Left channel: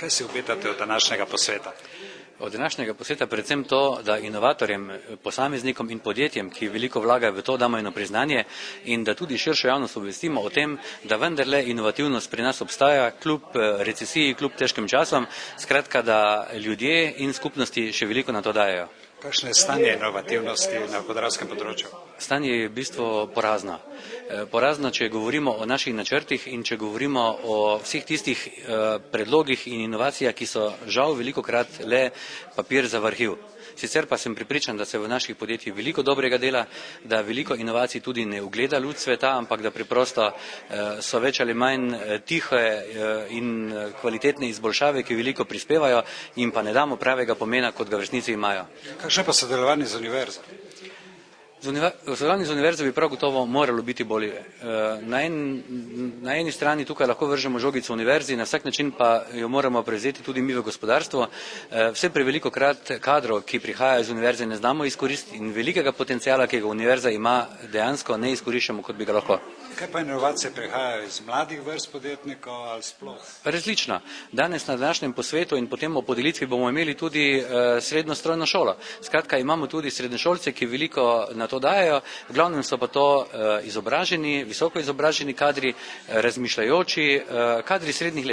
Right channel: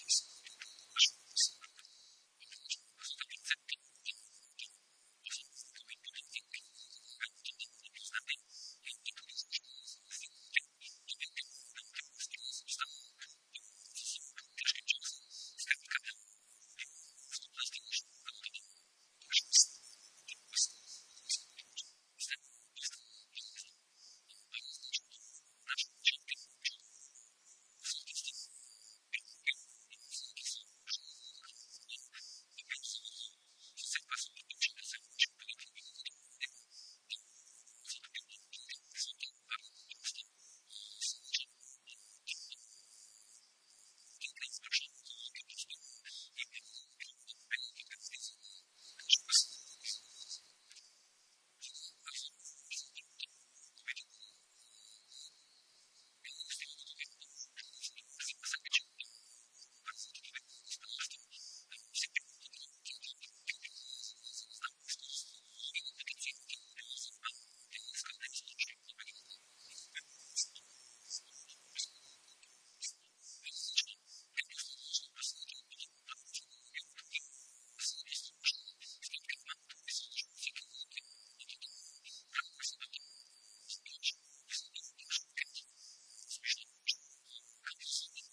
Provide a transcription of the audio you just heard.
Kaj si obetate od današnjega posveta? Od današnjega posveta predvsem to, da inovatorjem, posameznikom in podjetjem, ki veliko vlagajo v to, damo eno priznanje in da tudi širšo javnost obvestimo o tem, da vendarle inovativnost pri nas obstaja, kljub recesiji, kljub težkim časom, skratka, da ljudje in skupnosti še veliko na to dajejo. Kakšno je stanje inovativnosti na podravskem področju? Stanje je v bistvu porazno. Porazno, če govorimo o naših načrtih in če govorimo o vseh tistih predlogih in inovacijah, ki so žal velikokrat le papir za v arhiv. Sicer pa sem prepričan, da se v naših podjetjih veliko dobrega dela, da veliko inovacij tudi ne ugleda luč sveta, ampak da preprosto so več ali manj tihe in kvalitetne izboljšave, ki veliko prispevajo in pa ne damo pravega pomena, kot ga v resnici imajo. Kakšno pa sodelovanje z univerzo? Sodelovanje z univerzo bi prav gotovo moralo biti bolje. Na eni strani tukaj lahko vržemo žogico univerzi, na vsak način pa jo moramo prevzeti tudi mi v gospodarstvo. Vse prevelikokrat kadrov, ki prihajajo iz univerze, ne znamo izkoristiti in velikega potencijala, ki ga univerza ima, dejansko ne izkoriščamo, kot bi ga lahko. Kaj pa inovacije prihajajo iz mladih vrst podjetnikov ali sploh? Različno. Danes na današnjem posvetu in potem o podelitvi bomo imeli tudi srednjo strojno šolo. Skratka, imamo tudi srednješolce, ki veliko na to dajejo, v glavnem so pa to izobraženi, visoko izobraženi kadri, razmišljajoči kadri srednjih let.